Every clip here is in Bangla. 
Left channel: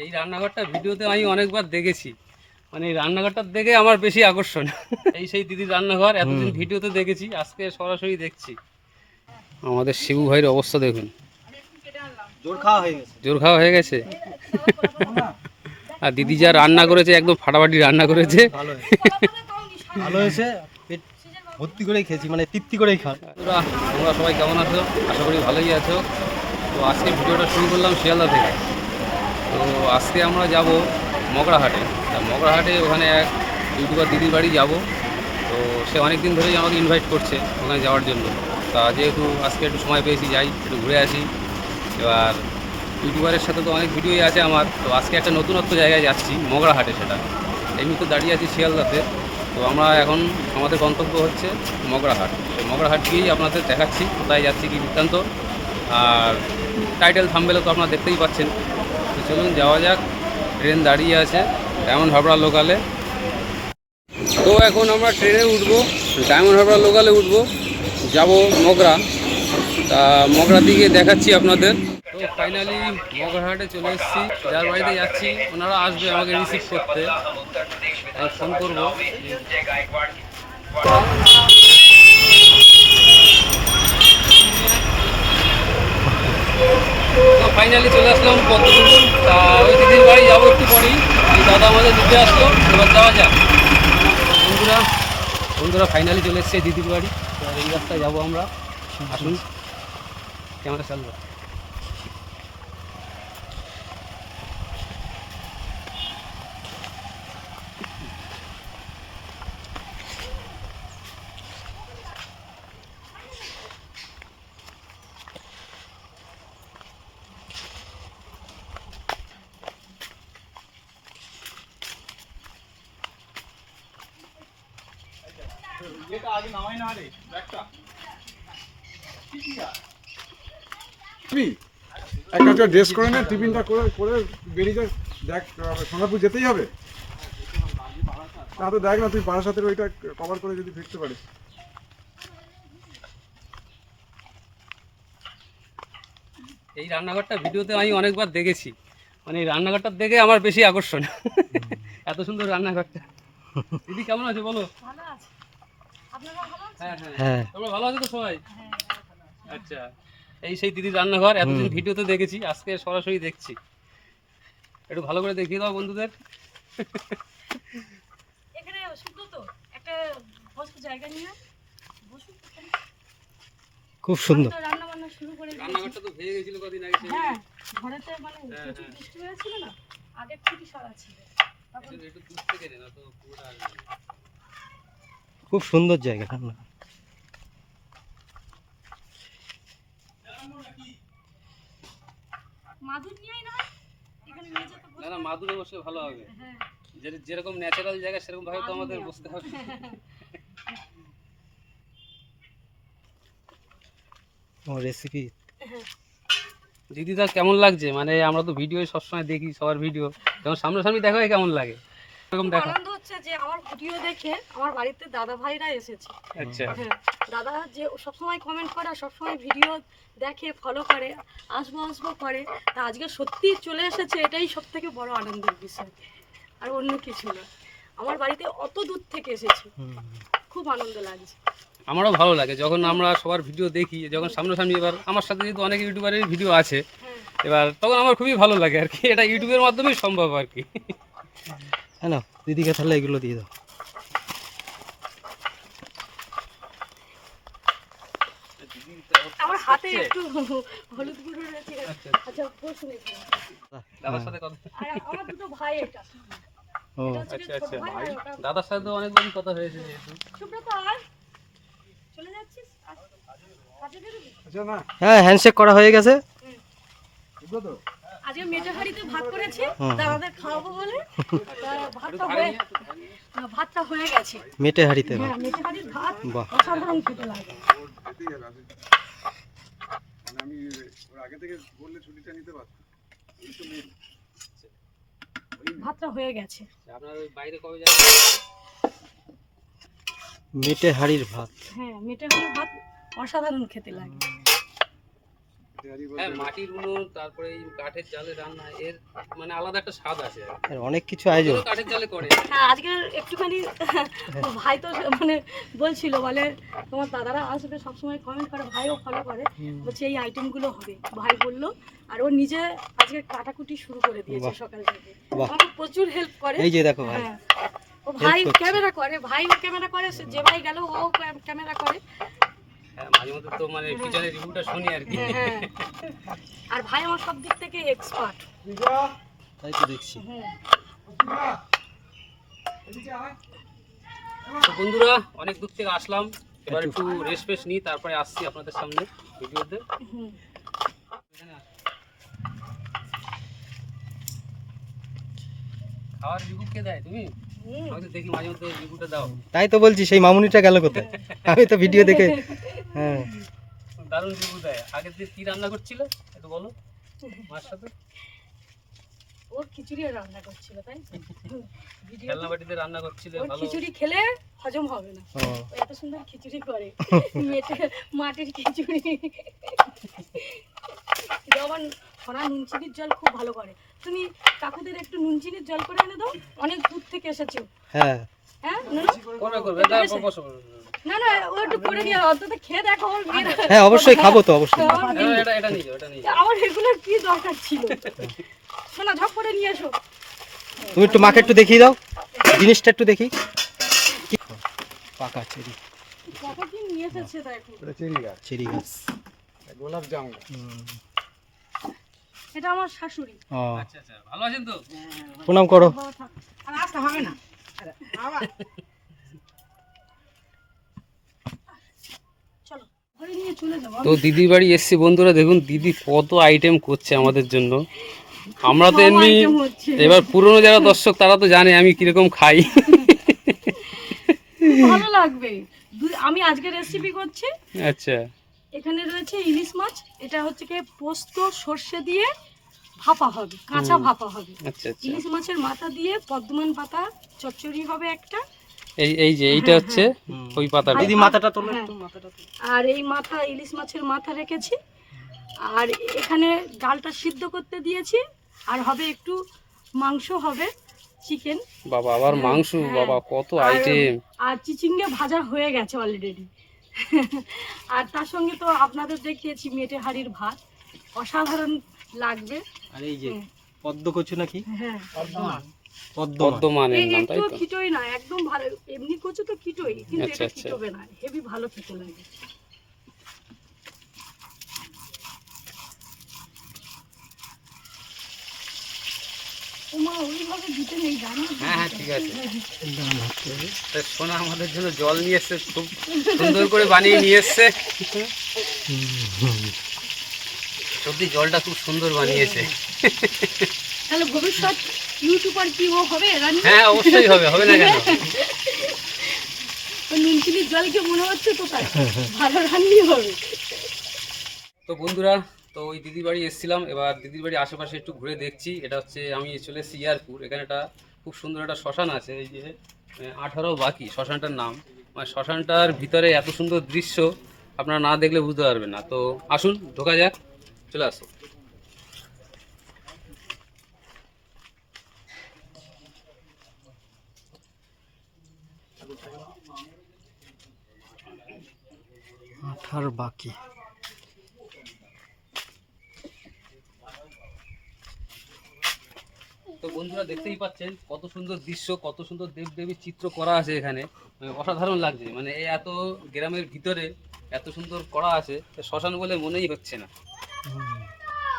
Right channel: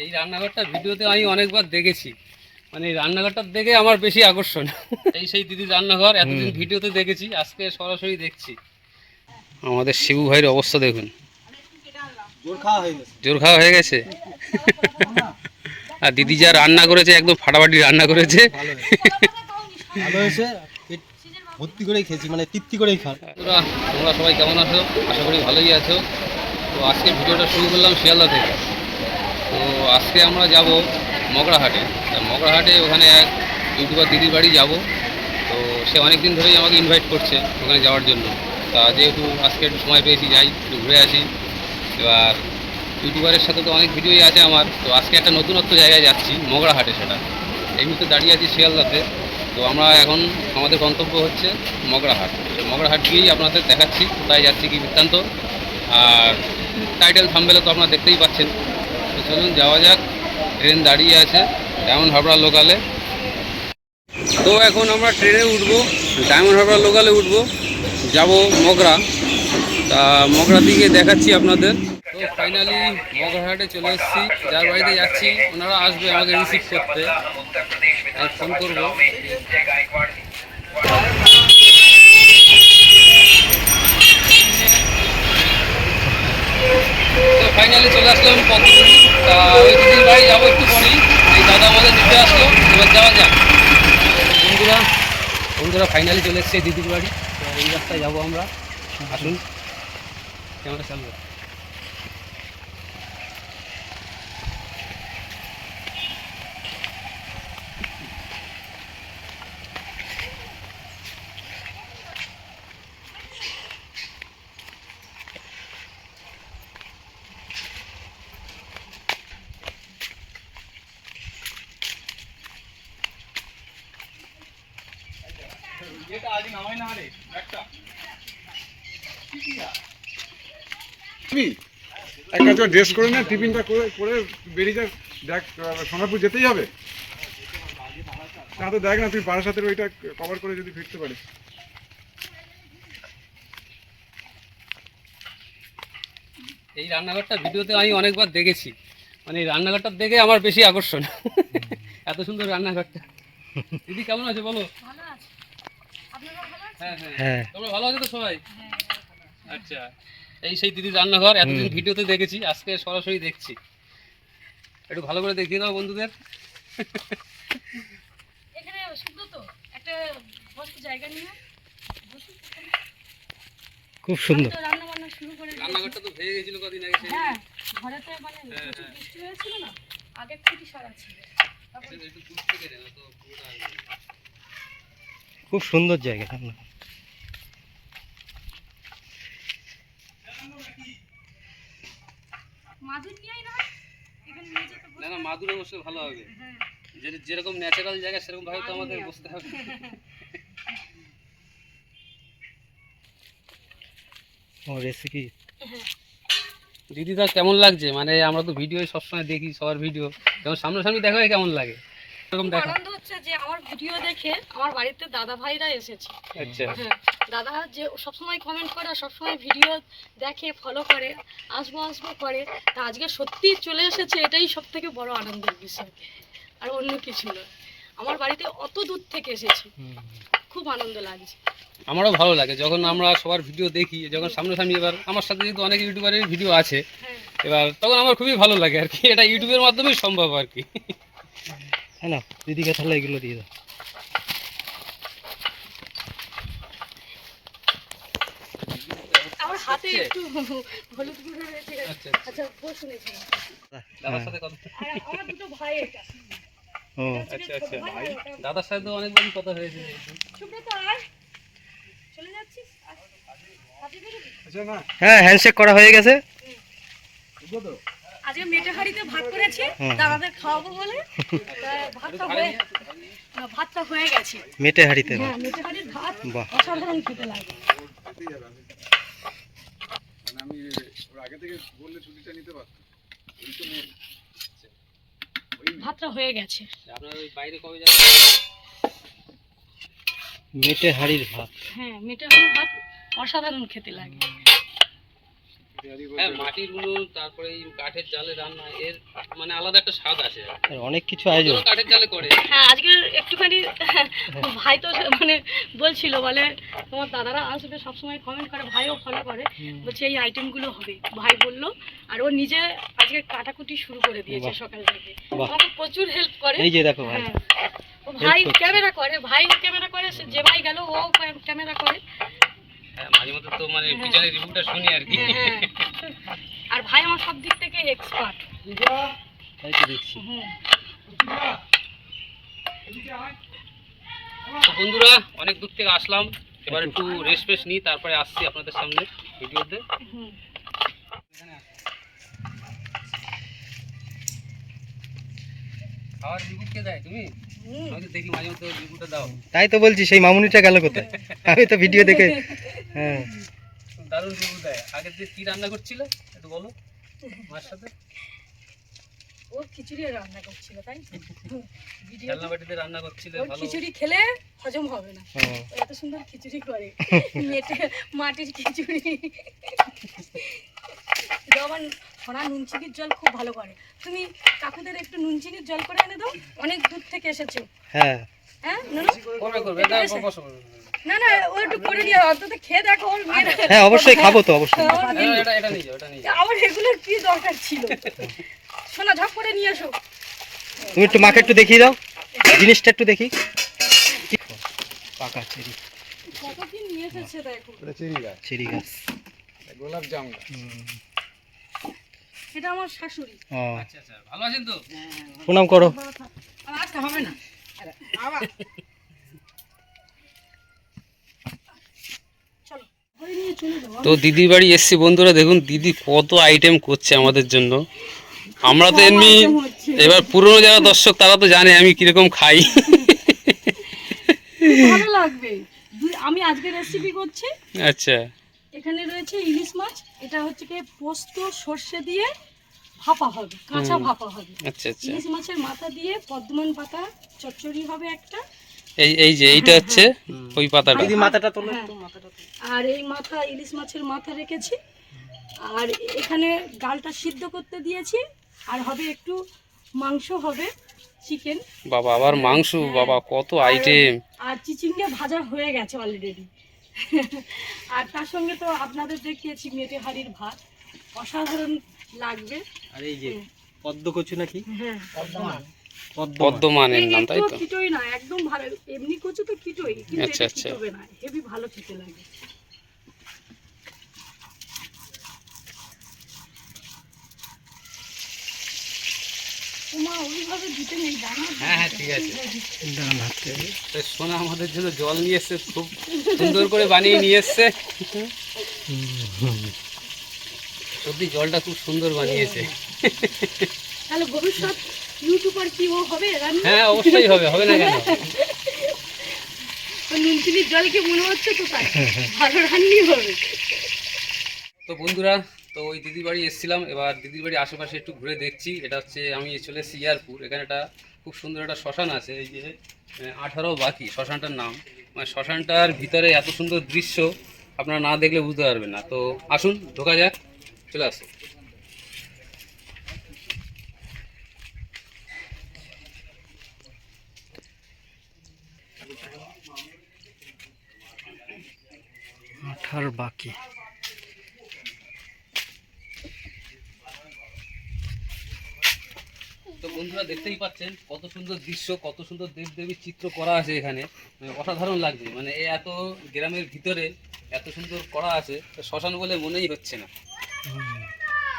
এই রান্নাঘরটা ভিডিওতে আমি অনেকবার দেখেছি, মানে এই রান্নাঘরটা দেখে আমার বেশি আকর্ষণ। এই সেই দিদির রান্নাঘর, এতদিন ভিডিওতে দেখেছি, আজকে সরাসরি দেখছি। আমাদের শিবু ভাইয়ের অবস্থা দেখুন, জোর খাওয়া হয়ে গেছে। আর দিদি যা রান্না করেছে একদম ফাটাফাটি রান্না করেছে। ভালো হয়েছে, পেট ভর্তি করেই খেয়েছি, মানে তৃপ্তি করেই খান। তোমরা সবাই কেমন আছো? আশা করি ভালোই আছো। তো আজকে ভিডিওটা শুরু করলাম শিয়ালদা থেকে। তো আজকে আমরা যাব মগরাহাটে। তা মগরাহাটে ওখানে এক ইউটিউবার দিদির বাড়ি যাব। তো সে অনেক দিন ধরেই আমাকে ইনভাইট করছে ওখানে যাওয়ার জন্য। তা যেহেতু আজকে একটু সময় পেয়েছি, যাই একটু ঘুরে আসি। এবার ইউটিউবারের সাথে তো অনেক ভিডিওই আছে আমার, তো আজকে একটা নতুনত্ব জায়গায় যাচ্ছি, মগরাহাটে। সেটা এই মুহূর্তে দাঁড়িয়ে আছি শিয়ালদাতে। তো আমরা এখন আমাদের গন্তব্য হচ্ছে মগরাহাট। সেই মগরাহাট গিয়েই আপনাদের দেখাচ্ছি কোথায় যাচ্ছি, কী বৃত্তান্ত। আর টাইটেল থাম্বনেলে তো আপনারা দেখতেই পাচ্ছেন। তো চলুন যাওয়া যাক। ট্রেন দাঁড়িয়ে আছে ডায়মন্ড হারবার লোকালে। তো এখন আমরা ট্রেনে উঠবো, ডায়মন্ড হারবার লোকালে উঠবো, যাব মগরা। তা মগরা দিকে দেখাচ্ছি আপনাদের। তো ফাইনালি মগরাহাটে চলে এসেছি। যার বাড়িতে যাচ্ছি ওনারা আসবে আমাকে রিসিভ করতে, আমি ফোন করবো। তো ফাইনালি চলে আসলাম পদ্মপুকুর। তা ওই দিদির বাড়ি যাবো একটু পরেই। এই দাদা আমাদের দিতে আসলো, এবার যাওয়া যাক। বন্ধুরা বন্ধুরা ফাইনালি চলে এসছে দিদির বাড়ি। তো এই রাস্তায় যাবো আমরা। আসুন, ক্যামেরা চালু। একটা ড্রেস করে না, টিফিনটা করে করে বেরিয়ে যা। দেখ, সোনারপুর যেতেই হবে না তো। দেখ না, তুই বারাসাতের ওইটা কভার করে যদি ফিরতে পারিস। এই রান্নাঘরটা ভিডিওতে আমি অনেকবার দেখেছি, মানে এই রান্নাঘরটা দেখে আমার বেশি আকর্ষণ। এত সুন্দর রান্নাঘরটা। দিদি কেমন আছো বলো? ভালো আছে। আপনারা ভালো আছেন? হ্যাঁ হ্যাঁ হ্যাঁ, তোমরা ভালো আছো তো সবাই? হ্যাঁ। আচ্ছা, এই সেই দিদির রান্নাঘর, এতদিন ভিডিওতে দেখেছি, আজকে সরাসরি দেখছি। একটু ভালো করে দেখিয়ে দাও বন্ধুদের। এখানে সুব্রত একটা বসতে জায়গা নিয়ে বসুন। খুব সুন্দর। তো রান্না বান্না শুরু করে দিয়েছি। রান্নাঘরটা তো ভেঙে গেছিল কদিন আগে। হ্যাঁ, ঘরেতে মানে প্রচুর বৃষ্টি হয়েছিল না, আগের থেকে সারা ছিল। তখন একটু দূর থেকে না তো পুরোটা আসবে। খুব সুন্দর জায়গা। মাদুর নিয়েই না এখানে নিয়ে যেতে না না, মাদুরে বসলে ভালো হবে। হ্যাঁ, যেরকম ন্যাচারাল জায়গা সেরকম ভাবে তো আমাদের বসতে হবে। ও রেসিপি। দিদিদা কেমন লাগছে? মানে আমরা তো ভিডিও সবসময় দেখি, সবার ভিডিও, যেমন সামনাসামনি দেখা হয় কেমন লাগে? এরকম খুব দেখা। আনন্দ হচ্ছে যে আমার ভিডিও দেখে আমার বাড়িতে দাদা ভাইরা এসেছে। আচ্ছা, হ্যাঁ, দাদা যে সবসময় কমেন্ট করে আর সবসময় ভিডিও দেখে, ফলো করে, আসবো আসবো করে। তা আজকে সত্যি চলে এসেছে, এটাই সব থেকে বড় আনন্দের বিষয়, আর অন্য কিছু না। আমার বাড়িতে অত দূর থেকে এসেছে, খুব আনন্দ লাগছে। আমারও ভালো লাগে যখন আমরা সবার ভিডিও দেখি, যখন সামনাসামনি। এবার আমার সাথে যেহেতু অনেক ইউটিউবারের ভিডিও আছে, হ্যাঁ, এবার তখন আমার খুবই ভালো লাগে আর কি। এটা ইউটিউবের মাধ্যমেই সম্ভব আর কি। হ্যাঁ না, দিদিকে তাহলে এগুলো দিয়ে দাও। আমার হাতে একটু হলুদ গুঁড়ো রয়েছে। আচ্ছা, আচ্ছা, বসুন এখানে। দাদার সাথে কথা। আর আমার দুটো ভাই এটা। ও এটা হচ্ছে আচ্ছা, ছোট ভাই, ওটা দাদার সাথে তো অনেকবারই কথা হয়েছে যেহেতু। সুব্রত, আয়। চলে যাচ্ছিস? কাজে বেরোবি? আচ্ছা না, হ্যাঁ, হ্যান্ডশেক করা হয়ে গেছে। বুঝলো তো? আজকে মেটে হাঁড়িতে ভাত করেছি, দাদাদের খাওয়াবো বলে। তা ভাতটা হয়ে গেছে। মেটে হাঁড়িতে হ্যাঁ, মেটে হাঁড়ির ভাত বাহ। অসাধারণ খেতে লাগে। যেতেই হবে, মানে আমি ওর আগে থেকে বললে ছুটিটা নিতে পারতাম। ওই তো নেই। ভাতটা হয়ে গেছে। আপনার ওই বাইরে কবে যাবেন? মেটে হাঁড়ির ভাত। হ্যাঁ, মেটে হাঁড়ির ভাত অসাধারণ খেতে লাগে। হ্যাঁ মাটির উনুন, তারপরে এই কাঠের জালে রান্না, এর মানে আলাদা একটা স্বাদ আছে। আর অনেক কিছু আয়োজন। ওদেরও কাঠের জালে করে। হ্যাঁ আজকে একটুখানি ভাই তো মানে বলছিল, বলে তোমার দাদারা আসবে সবসময় কমেন্ট করে, ভাইও ফলো করে, বলছে এই আইটেমগুলো হবে, ভাই বললো। আর ও নিজে আজকে কাটাকুটি শুরু করে দিয়েছে বাহ। সকাল থেকে, বাহ। আমাকে প্রচুর হেল্প করে। এই যে দেখো ভাই। হ্যাঁ, ও ভাই করছে। ক্যামেরা করে, ভাই ও ক্যামেরা করে, যে ভাই গেল ও ক্যামেরা করে। হ্যাঁ মাঝে মধ্যে তো মানে পিছনে রিভিউটা শুনি আর কি। হ্যাঁ, আর ভাই আমার সব দিক থেকে এক্সপার্ট। তাই তো দেখছি। তো বন্ধুরা অনেক দূর থেকে আসলাম, এবার একটু রেস্ট ফেস্ট নিই, তারপরে আসছি আপনাদের সামনে ভিডিওতে। খাওয়ার রিভিউ কে দেয়? তুমি? আমি তো দেখি মাঝে মধ্যে রিভিউটা দাও। তাই তো বলছি সেই মামুনিটা গেল কোথায়? আমি তো ভিডিও দেখে। হ্যাঁ দারুণ রিভিউ দেয়। আগের দিন কি রান্না করছিল একটু বলো মার সাথে? ও খিচুড়ি রান্না করছিল, তাই ভিডিও খেলনা বাটিতে রান্না করছিল, ওর ভালো। খিচুড়ি খেলে হজম হবে না, ও, ও এত সুন্দর খিচুড়ি করে, মাটির খিচুড়ি। যেমন সোনা নুন চিনির জল খুব ভালো করে, তুমি কাকুদের একটু নুন চিনির জল করে এনে দাও, অনেক দূর থেকে এসেছো। হ্যাঁ হ্যাঁ নুনু? করবে দাও, বসো। না না ও একটু করে নিয়ে অন্তত খেয়ে দেখো ওর মেয়ের। হ্যাঁ অবশ্যই খাবো তো, অবশ্যই। ওর মেয়ে- এটা নিয়ে যাও, এটা নিয়ে যাও। আমার এগুলোর কি দরকার ছিল? সোনা ঝপ করে নিয়ে এসো। তুমি একটু মাকে একটু দেখিয়ে দাও, জিনিসটা একটু দেখি। পাকা চেরি, কত কি নিয়ে এসেছে দেখো। এটা চেরি গাছ, চেরি গাছ। গোলাপ জাম। এটা আমার শাশুড়ি। ও আচ্ছা ভালো আছেন তো? প্রণাম করো। আর আসতে হবে না। চলো ঘরে নিয়ে চলে যাবো। তো দিদির বাড়ি এসছি বন্ধুরা, দেখুন দিদি কত আইটেম করছে আমাদের জন্য। আমরা তো এমনি, এবার পুরনো যারা দর্শক তারা তো জানে আমি কিরকম খাই। ভালো লাগবে। আমি আজকে রেসিপি করছি। আচ্ছা এখানে রয়েছে ইলিশ মাছ, এটা হচ্ছে কি পোস্ত সর্ষে দিয়ে ভাপা হবে, কাঁচা ভাপা হবে। আচ্ছা আচ্ছা। ইলিশ মাছের মাথা দিয়ে পদ্মন পাতা চচ্চড়ি হবে একটা। এই যে এইটা হচ্ছে ওই পাতাটা। দিদি মাথাটা তোলো হ্যাঁ। একটু, মাথাটা তোলো। আর এই মাথা ইলিশ মাছের মাথা রেখেছি, আর এখানে ডালটা সিদ্ধ করতে দিয়েছি, আর হবে একটু মাংস হবে, চিকেন। বাবা আবার মাংস, বাবা কত আইটেম। আর চিচিঙ্গা ভাজা হয়ে গেছে অলরেডি। আর তার সঙ্গে তো আপনাদের দেখিয়েছি মেটে হাঁড়ির ভাত, অসাধারণ লাগবে। আর এই যে পদ্ম কচু নাকি? হ্যাঁ পদ্মমানের নাম, তাই একটু তো? খিটোই না, একদম ভালো। এমনি কচু তো খিটোই, কিন্তু আচ্ছা, এটা আচ্ছা। খিটোবে না, হেভি ভালো খেতে লাগে। ওমা ওইভাবে দিতে নেই, জানো? হ্যাঁ ঠিক আছে। ডান হাতে। তা সোনা আমাদের জন্য জল নিয়ে এসছে, খুব সুন্দর করে বানিয়ে নিয়ে এসছে। সত্যি জলটা খুব সুন্দর বানিয়েছে। তাহলে ভবিষ্যৎ ইউটিউবার কি ও হবে রানী? হ্যাঁ অবশ্যই হবে, হবে না কেন? ওই নুনচিনির জলকে মনে হচ্ছে কোথায় ভালো রান্নি হবে। তো বন্ধুরা, তো ওই দিদির বাড়ি এসেছিলাম, এবার দিদির বাড়ি আশেপাশে একটু ঘুরে দেখছি। এটা হচ্ছে, আমি চলে এসেছি ইয়ারপুর, এখানে একটা খুব সুন্দর একটা শ্মশান আছে, এই যে 18 বাকি শ্মশানটার নাম। মানে শ্মশানটার ভিতরে এত সুন্দর দৃশ্য আপনারা না দেখলে বুঝতে পারবেন না। তো আসুন ঢোকা যাক, চলে আসুন। আঠার বাকি। তো বন্ধুরা দেখতেই পাচ্ছেন কত সুন্দর দৃশ্য, কত সুন্দর দেবদেবীর চিত্র করা আছে এখানে, মানে অসাধারণ লাগছে। মানে এই এত গ্রামের ভিতরে এত সুন্দর করা আছে, তো শ্মশান বলে মনেই হচ্ছে না।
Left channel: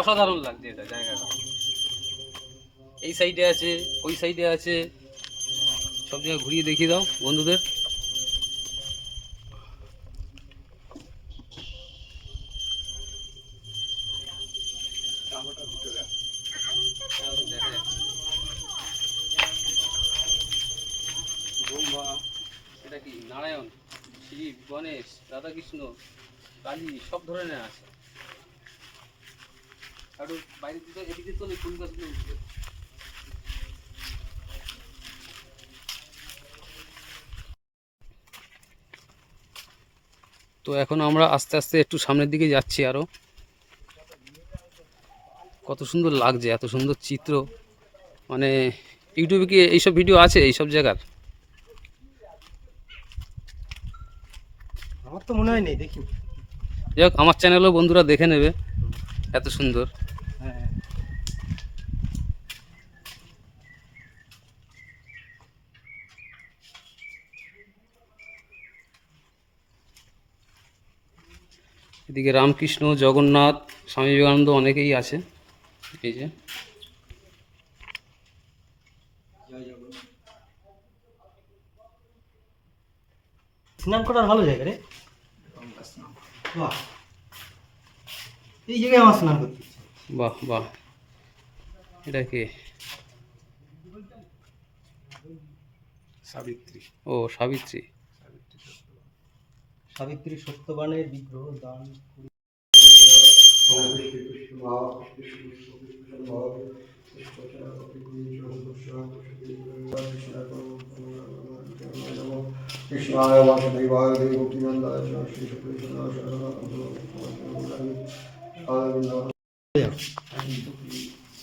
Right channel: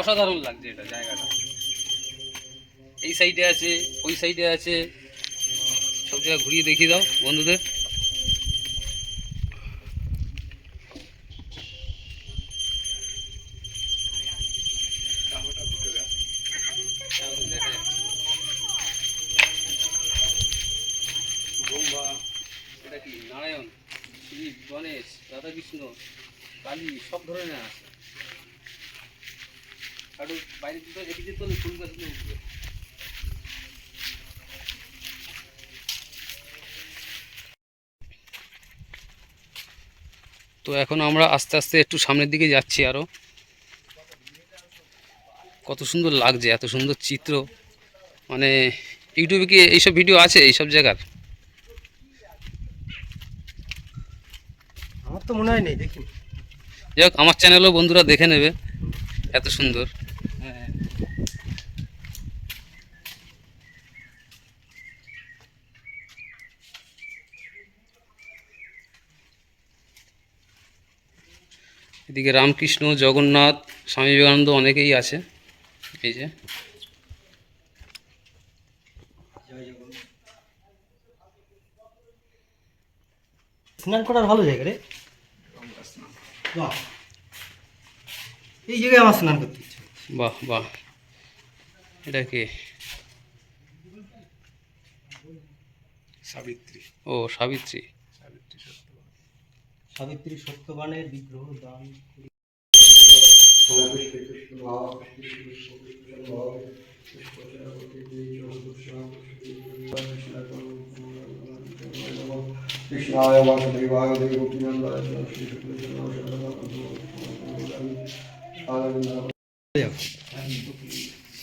অসাধারণ লাগছে এটা জায়গাটা। এই সাইডে আছে, ওই সাইডে আছে, সব জায়গায় ঘুরিয়ে দেখিয়ে দাও বন্ধুদের। এটা কি নারায়ণ, শিব, গণেশ, রাধাকৃষ্ণ, কালী, সব ধরনের আছে। আর বাইরে দিকে এদিকে তো ফুল গাছগুলো উঠবে। তো এখন আমরা আস্তে আস্তে একটু সামনের দিকে যাচ্ছি আরো। কত সুন্দর লাগছে, এত সুন্দর চিত্র। মানে ইউটিউবে কি এইসব ভিডিও আছে এইসব জায়গার? আমার তো মনে হয় নেই, দেখি। যাই হোক, আমার চ্যানেলও বন্ধুরা দেখে নেবে, এত সুন্দর। হ্যাঁ, এদিকে রামকৃষ্ণ, জগন্নাথ, স্বামী বিবেকানন্দ অনেকেই আছে। এই যে স্নান করার ভালো জায়গা রে। বাহ, এই জায়গায় আমার স্নান করতে ইচ্ছে। বাহ বাহ, এটা কি? সাবিত্রী। ও সাবিত্রী। সাবিত্রী সত্যবানের বিগ্রহ দান করি। কৃষ্ণায় বাসুদেবায় দেবকীনন্দায় শ্রীকৃষ্ণায়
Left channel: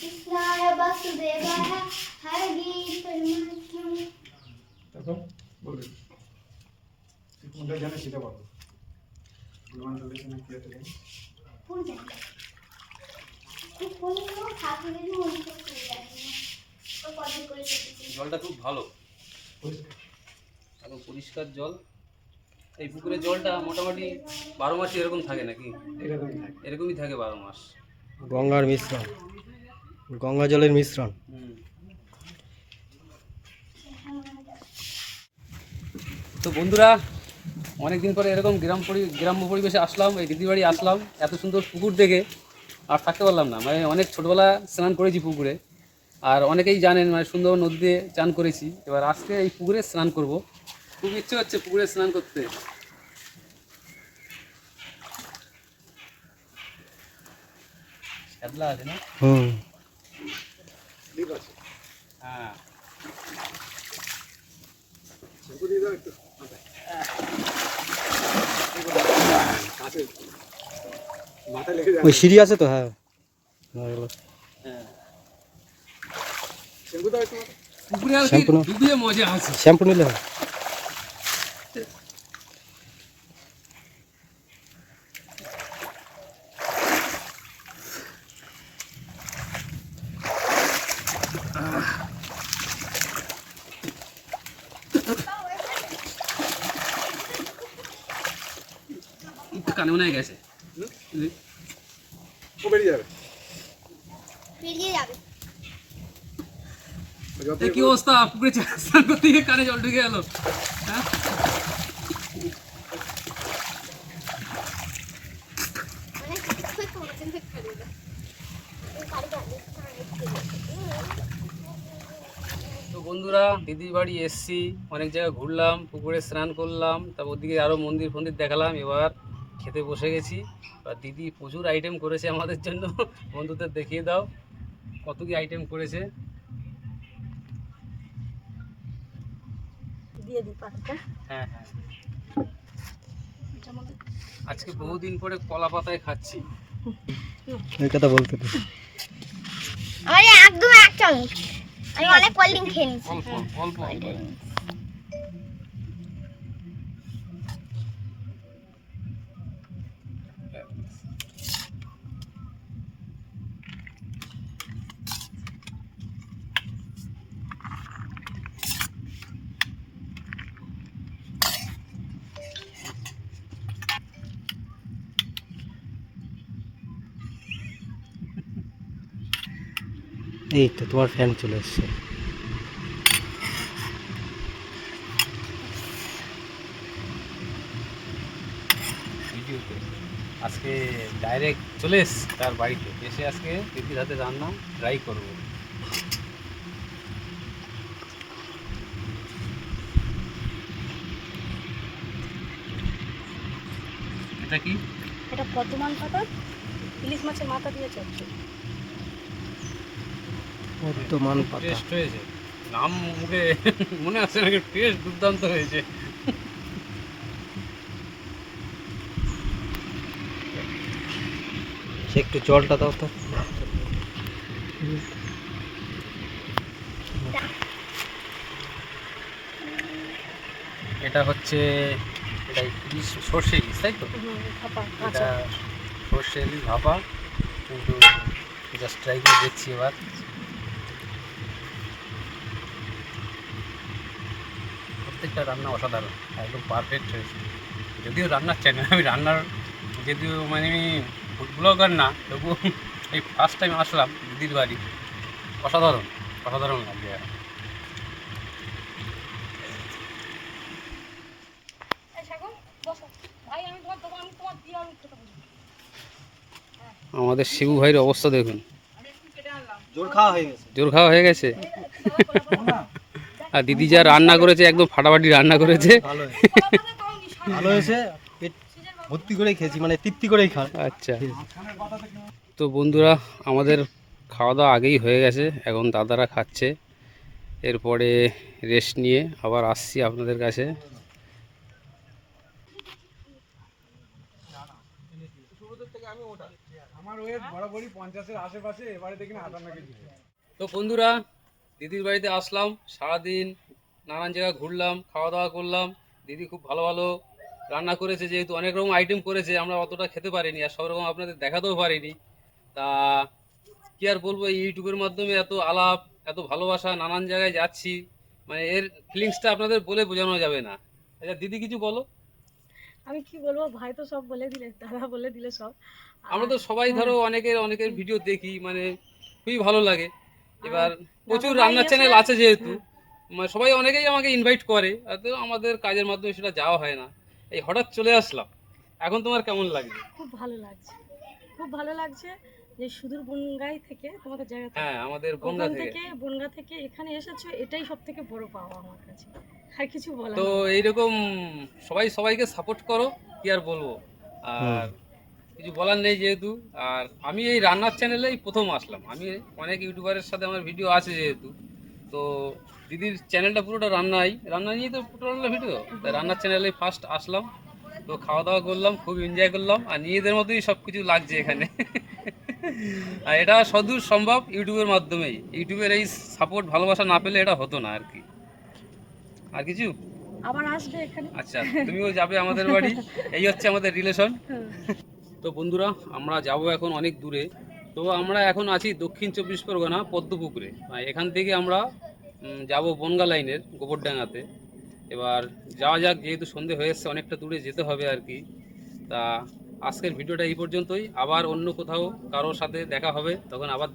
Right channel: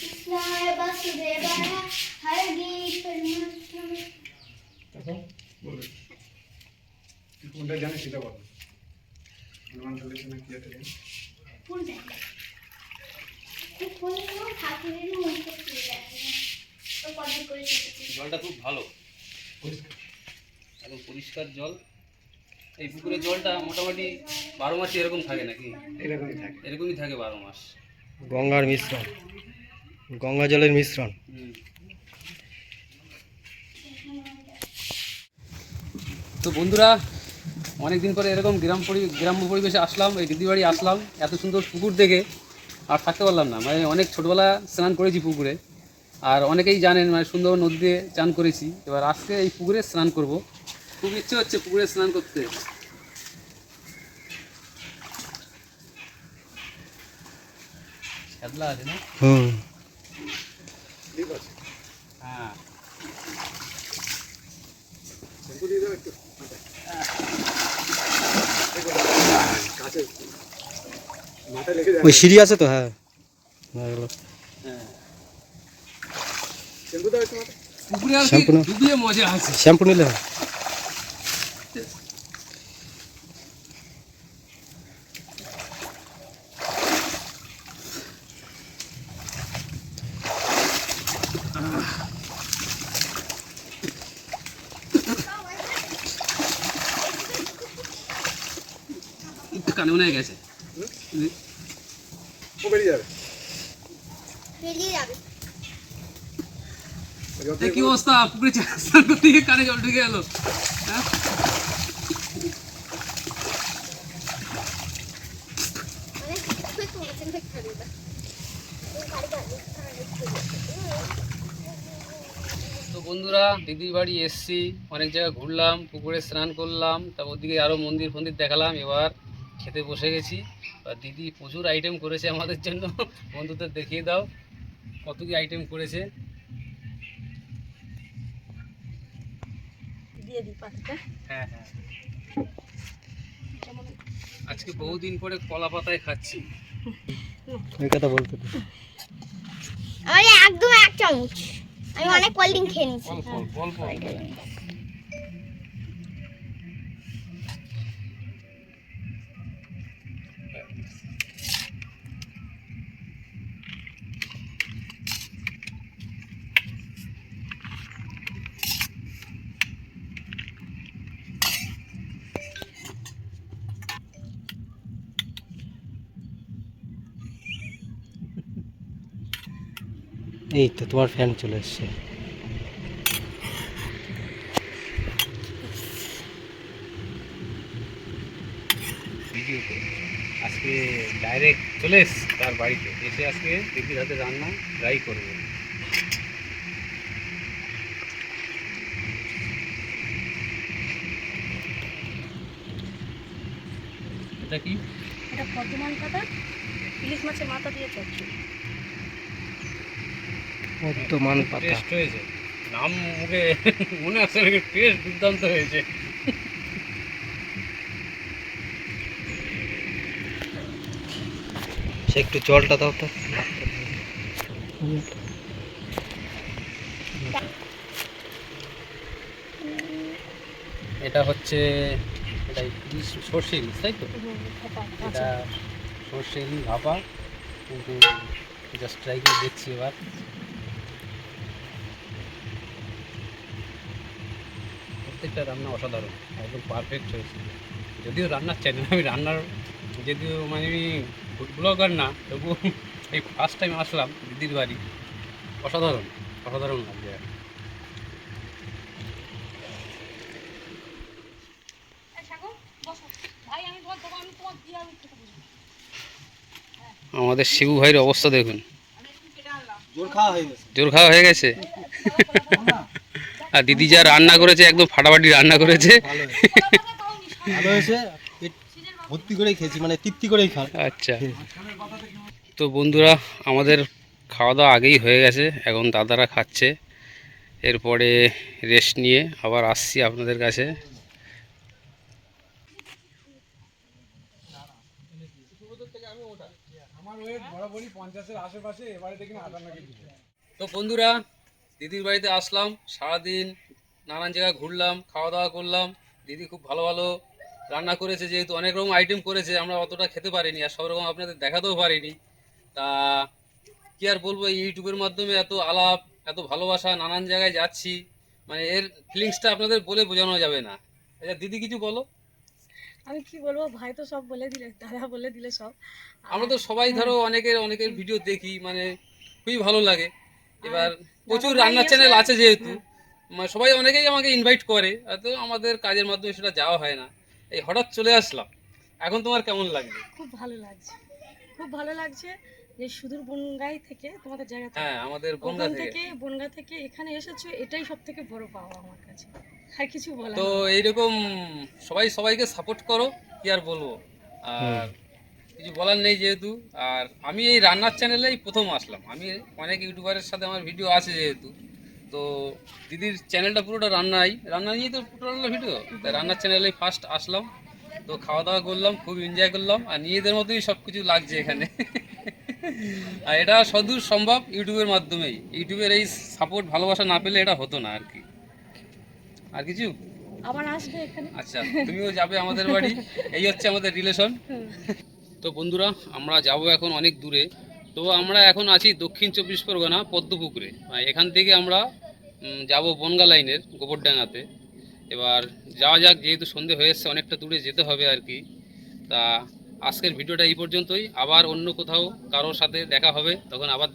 कृष्णाय वासुदेवाय हरे परमात्मने। এখন বলবে কোনটা জানে সেটা বলো। পূর্বাঞ্চলের জন্য কি আছে জানি? কোন জায়গা? এই কোন ঠাকুরের মন্দির করে আছে না? ও কত করে কেটেছে? জলটা খুব ভালো, একদম পরিষ্কার জল। এই পুকুরের জলটা মোটামুটি 12 মাসই এরকম থাকে নাকি? এরকমই থাকে। এরকমই থাকে 12 মাস। গঙ্গার মিশ্রণ, গঙ্গা জলের মিশ্রণ। তো বন্ধুরা, অনেক দিন পরে এরকম গ্রাম্য পরিবেশে আসলাম, এই দিদি বাড়ি আসলাম। এত সুন্দর পুকুর দেখে আর থাকতে পারলাম না। মানে অনেক ছোটোবেলা স্নান করেছি পুকুরে, আর অনেকেই জানেন মানে সুন্দর নদীতে চান করেছি। এবার আজকে এই পুকুরে স্নান করব, খুব ইচ্ছে হচ্ছে পুকুরে স্নান করতে। শ্যাদলা আছে না? হ্যাঁ, ওই সিঁড়ি আছে তো। হ্যাঁ, পুকুরে আর কি শ্যাম্পু না? ডুবিয়ে মজা আছে। শ্যাম্পু নিলে হয়। কানে মনে হয় গেছে। ও বেরিয়ে যাবে। বেরিয়ে যাবে। এই কি অবস্থা, পুকুরে স্নান করতে গিয়ে কানে জল ঢুকে গেল। হ্যাঁ, মানে খুব কমেছেন ফেক্টরি না। তো বন্ধুরা, দিদির বাড়ি এসছি, অনেক জায়গায় ঘুরলাম, পুকুরে স্নান করলাম, তারপর ওদিকে আরও মন্দির ফন্দির দেখালাম। এবার খেতে বসে গেছি। আর দিদি প্রচুর আইটেম করেছে আমাদের জন্য। বন্ধুদের দেখিয়ে দাও কত কি আইটেম করেছে। দিয়ে দিই পাতাটা। হ্যাঁ হ্যাঁ, আজকে বহুদিন পরে কলা পাতায় খাচ্ছি। এই কথা বলতে তো। আমার একদম এক চামচ। আমি অনেক কোল্ড ড্রিঙ্ক খেয়ে নিয়েছি। অল্প অল্প অল্প। এই তো তোমার ফ্যান চলে এসছে। ভিডিওতে আজকে ডাইরেক্ট চলে এসছি তার বাড়িতে, এসে আজকে দিদির হাতে রান্না ট্রাই করব। এটা কি? এটা পদ্মমান পাতা, ইলিশ মাছের মাথা দিয়ে চচ্চড়ি। বর্তমান পাতা। টেস্ট হয়েছে, নাম মুখে মনে আসছে নাকি, টেস্ট দুর্দান্ত হয়েছে। সে একটু জলটা দাও তো। এটা হচ্ছে এটা ইলিশ, সর্ষে ইলিশ, তাই তো? এটা সর্ষে ইলিশ ভাপা, কিন্তু জাস্ট ট্রাই করে দেখছি এবার। প্রত্যেকটা রান্না অসাধারণ, একদম পারফেক্ট হয়েছে। যদিও রান্নার চ্যানেল, আমি রান্নার যদিও মানে আমি ফুড ব্লগার না, তবুও এই ফার্স্ট টাইম আসলাম দিদির বাড়ি। অসাধারণ, অসাধারণ লাগছে। আমাদের শিবু ভাইয়ের অবস্থা দেখুন, জোর খাওয়া হয়ে গেছে। জোর খাওয়া হয়ে গেছে। আর দিদি যা রান্না করেছে, একদম ফাটাফাটি রান্না করেছে। ভালো হয়েছে, ভালো হয়েছে, পেট ভর্তি করেই খেয়েছি, মানে তৃপ্তি করেই খাওয়া। আচ্ছা, তো বন্ধুরা আমাদের খাওয়া দাওয়া আগেই হয়ে গেছে, এখন দাদারা খাচ্ছে। এরপরে রেস্ট নিয়ে আবার আসছি আপনাদের কাছে। আমার ওয়েট বরাবরই 50-এর আশেপাশে, এবারে দেখি না 58 কেজি। তো বন্ধুরা দিদির বাড়িতে আসলাম, সারাদিন নানান জায়গায় ঘুরলাম, খাওয়া দাওয়া করলাম। দিদি খুব ভালো ভালো রান্না করেছে, যেহেতু অনেক রকম আইটেম করেছে, আমরা অতটা খেতে পারিনি আর সব রকম আপনাদের দেখাতেও পারিনি। তা কি আর বলবো, এই ইউটিউবের মাধ্যমে এত আলাপ, এত ভালোবাসা, নানান জায়গায় যাচ্ছি, মানে এর ফিলিংসটা আপনাদের বলে বোঝানো যাবে না। আচ্ছা দিদি কিছু বলো। আমি কি বলবো, ভাই তো সব বলে দিলে, দাদা বলে দিলে সব। আমরা তো সবাই ধরো অনেকের ভিডিও দেখি, মানে খুবই ভালো লাগে। এবার প্রচুর দাদা ভাই রান্নার চ্যানেল এসে- আছে যেহেতু, মানে সবাই অনেকেই আমাকে ইনভাইট করে, তো আমাদের কাজের মাধ্যমে সেটা যাওয়া হয় না। এই হঠাৎ চলে আসলাম। এখন তোমার কেমন লাগছে? খুব ভালো লাগছে, খুব ভালো লাগছে যে সুদূর বনগাই থেকে তোমাদের জায়গা থেকে, হ্যাঁ, আমাদের বনগা ওখান থেকে। থেকে বনগা থেকে এখানে এসেছো, এটাই সব থেকে বড় পাওয়া আমার কাছে। আর কিছু বলার তো নেই। এইরকম সবাই সবাইকে সাপোর্ট করো, কি আর বলবো। আর কিছু বলার নেই যেহেতু। আর আমি এই রান্নার চ্যানেলেই প্রথম আসলাম। আমি অনেক ইউটিউবারের সাথে আমার ভিডিও আছে যেহেতু, তো দিদির চ্যানেলটা পুরোটা রান্না নিয়েই তো পুরোটা ভিডিও, তাই রান্নার চ্যানেলেই ফার্স্ট আসলাম। তো খাওয়া দাওয়া করলাম, খুব এনজয় করলাম, আর নিজেদের মতোই সব কিছু লাগছে এখানে। আর এটা সদূর সম্ভব ইউটিউবের মাধ্যমেই। ইউটিউবের এই সাপোর্ট ভালোবাসা না পেলে এটা হতো না আর কি। আর কিছু? আবার আসবে এখানে। আচ্ছা, তুমিও যাবে আমাদের বাড়ি, এই হচ্ছে আমাদের রিলেশন। তো বন্ধুরা আমরা যাব এখন অনেক দূরে। তো আমরা এখন আছি দক্ষিণ 24 পরগনা পদ্মপুকুরে। এখান থেকে আমরা যাব বনগা লাইনের গোবরডাঙ্গাতে। এবার যাওয়া যাক, যেহেতু সন্ধে হয়ে এসছে, অনেকটা দূরে যেতে হবে আর কি। তা আজকের ভিডিওটা এই পর্যন্তই। আবার অন্য কোথাও কারোর সাথে দেখা হবে, তখন আবার